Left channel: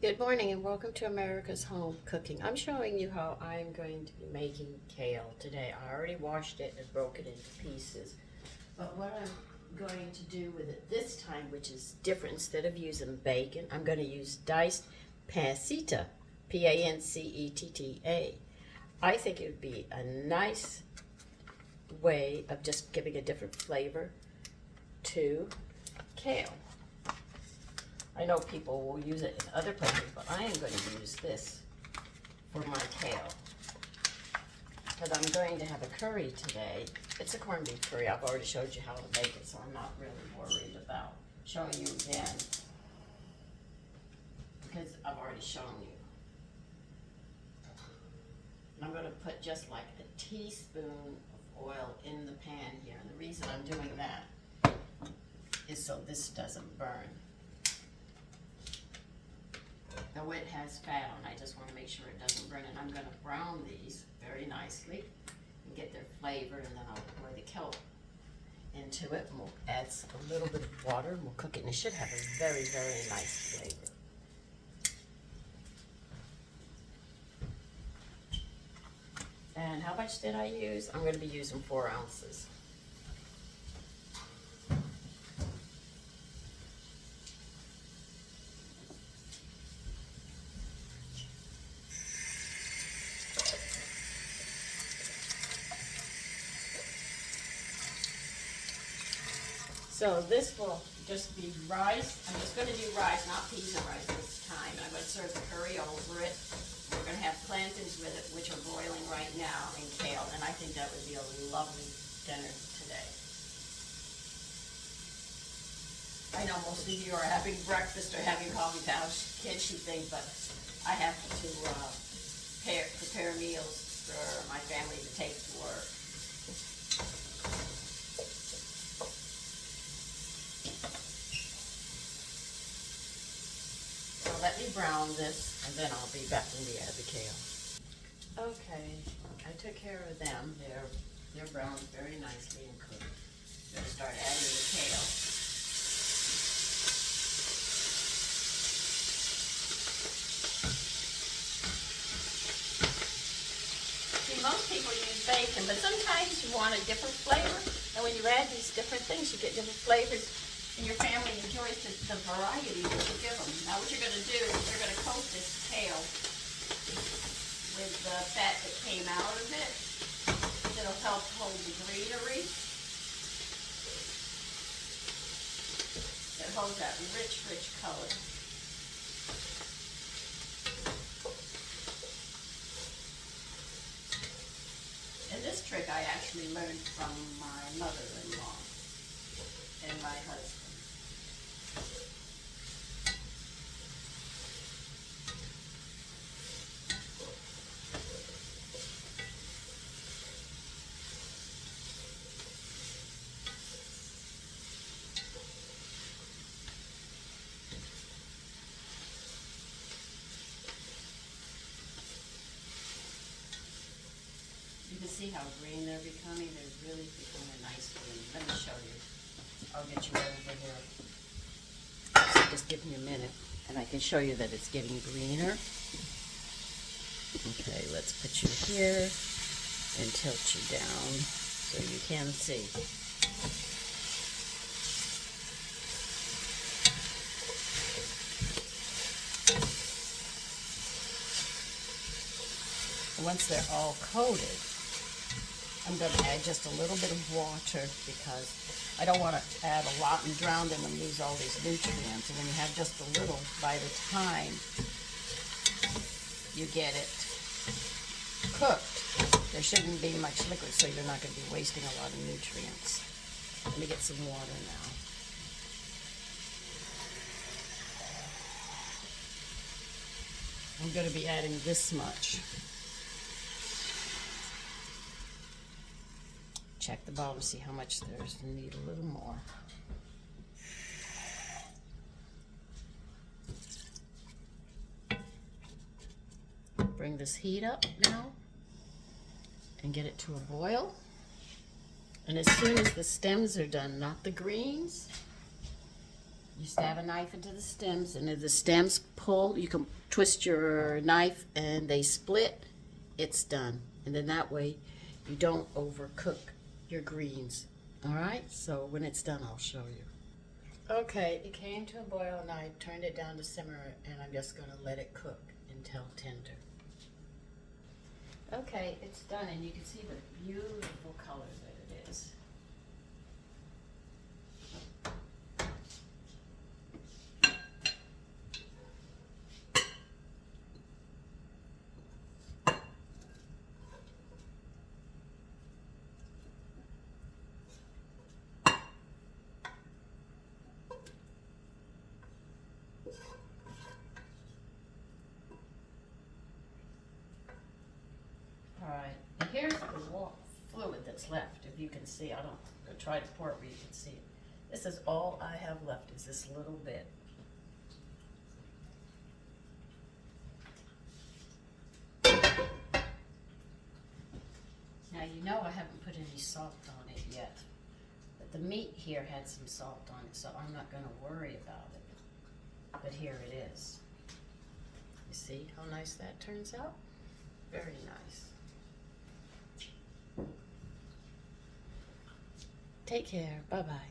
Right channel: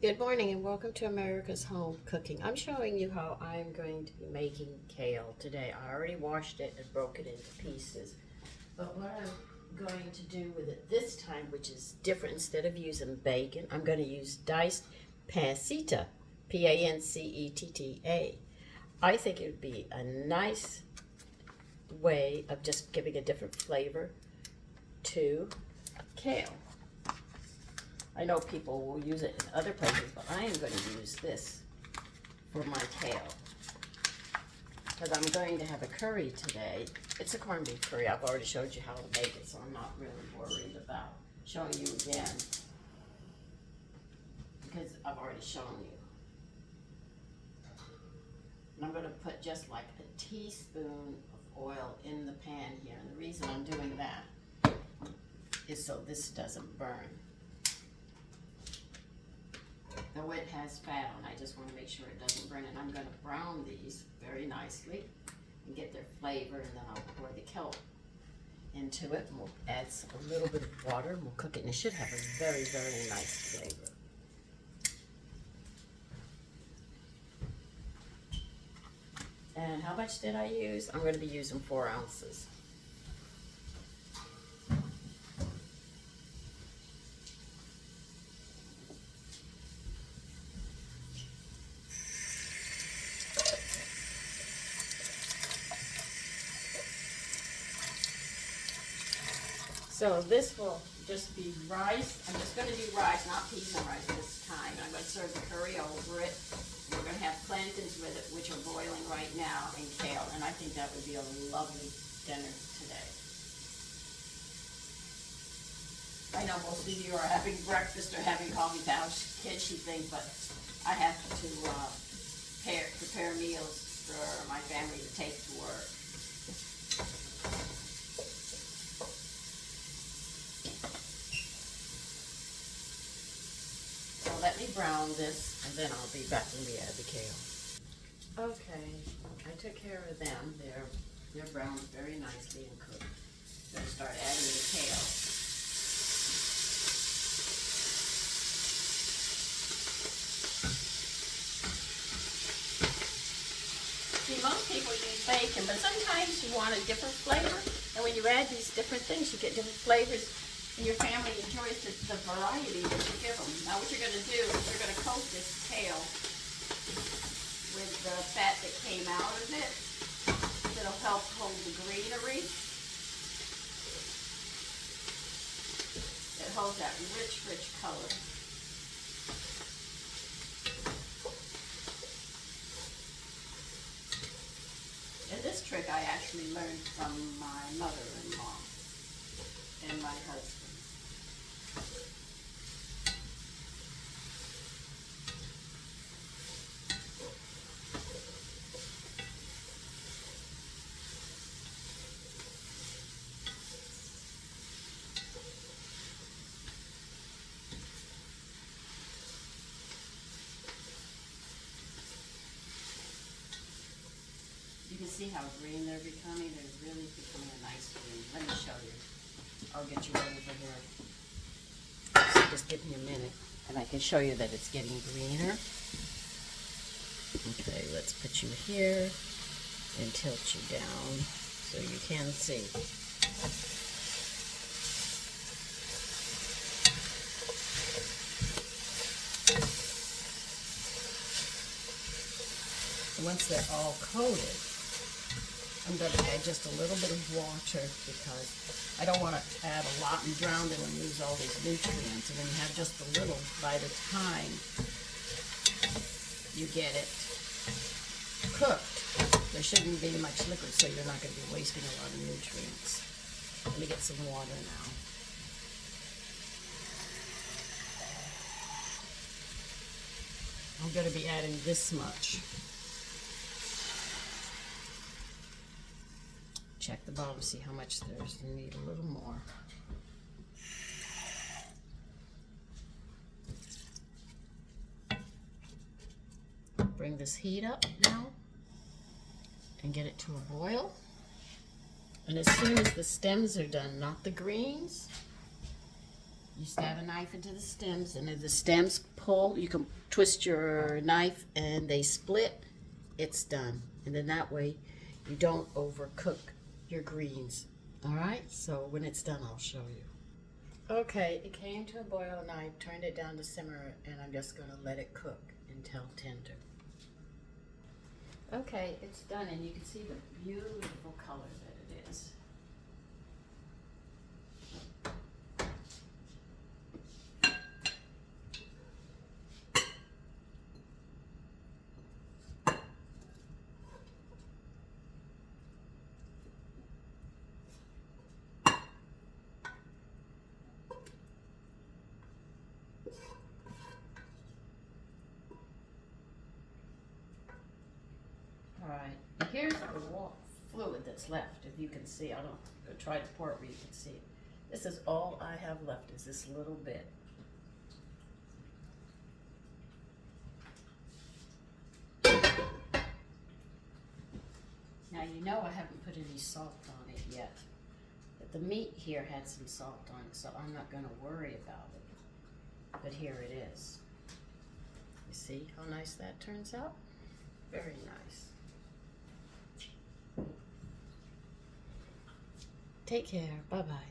Good morning and welcome to America's Home Cooking. I'm showing you how I'm going to be making kale today. I already washed it and broke it into pieces. But what I'm going to do with it this time, which is different, instead of using bacon, I'm going to use diced pancetta, Pancetta. I think it would be a nice way of just giving a different flavor to kale. I know people will use it in other places, but I am going to use this for my kale because I'm going to have a curry today. It's a corned beef curry. I've already showed you how to make it, so I'm not really worried about showing you again because I've already shown you. And I'm going to put just like a teaspoon of oil in the pan here. And the reason I'm doing that is so this doesn't burn. Though it has fat on, I just want to make sure it doesn't burn. And I'm going to brown these very nicely and get their flavor, and then I'll pour the kelp into it. And we'll add a little bit of water and we'll cook it, and it should have a very, very nice flavor. And how much did I use? I'm going to be using 4 ounces. So this will just be rice. I'm just going to do rice, not peas and rice this time. I'm going to serve the curry over it. We're going to have plantains with it, which are boiling right now, and kale. And I think that would be a lovely dinner today. I know most of you are having breakfast or having coffee pouch, kitchen things, but I have to prepare meals for my family to take to work. Let me brown this, and then I'll be back when we add the kale. Okay, I took care of them. They're browned very nicely and cooked. I'm going to start adding the kale. See, most people use bacon, but sometimes you want a different flavor. And when you add these different things, you get different flavors. And your family enjoys the variety that you give them. Now what you're going to do is you're going to coat this kale with the fat that came out of it. It'll help hold the greenery. It holds that rich, rich color. And this trick I actually learned from my mother-in-law and my husband. You can see how green they're becoming. They're really becoming a nice green. Let me show you. I'll get you over here. So just give me a minute, and I can show you that it's getting greener. Okay, let's put you here and tilt you down so you can see. Once they're all coated, I'm going to add just a little bit of water because I don't want to add a lot and drown them and lose all these nutrients. And when you have just a little, by the time you get it cooked, there shouldn't be much liquid, so you're not going to be wasting a lot of nutrients. Let me get some water now. I'm going to be adding this much. Check the bottom, see how much there's. You need a little more. Bring this heat up now and get it to a boil. And as soon as the stems are done, not the greens, You stab a knife into the stems, and if the stems pull, you can twist your knife and they split, it's done. And then that way you don't overcook your greens. All right, so when it's done, I'll show you. Okay, it came to a boil and I turned it down to simmer, and I'm just gonna let it cook until tender. Okay, it's done, and you can see the beautiful color that it is. All right, here's the fluid that's left, if you can see. I don't try to pour it where you can see it. This is all I have left, is this little bit. Now you know I haven't put any salt on it yet, but the meat here had some salt on it, so I'm not going to worry about it. But here it is. You see how nice that turns out? Very nice. Take care. Bye-bye.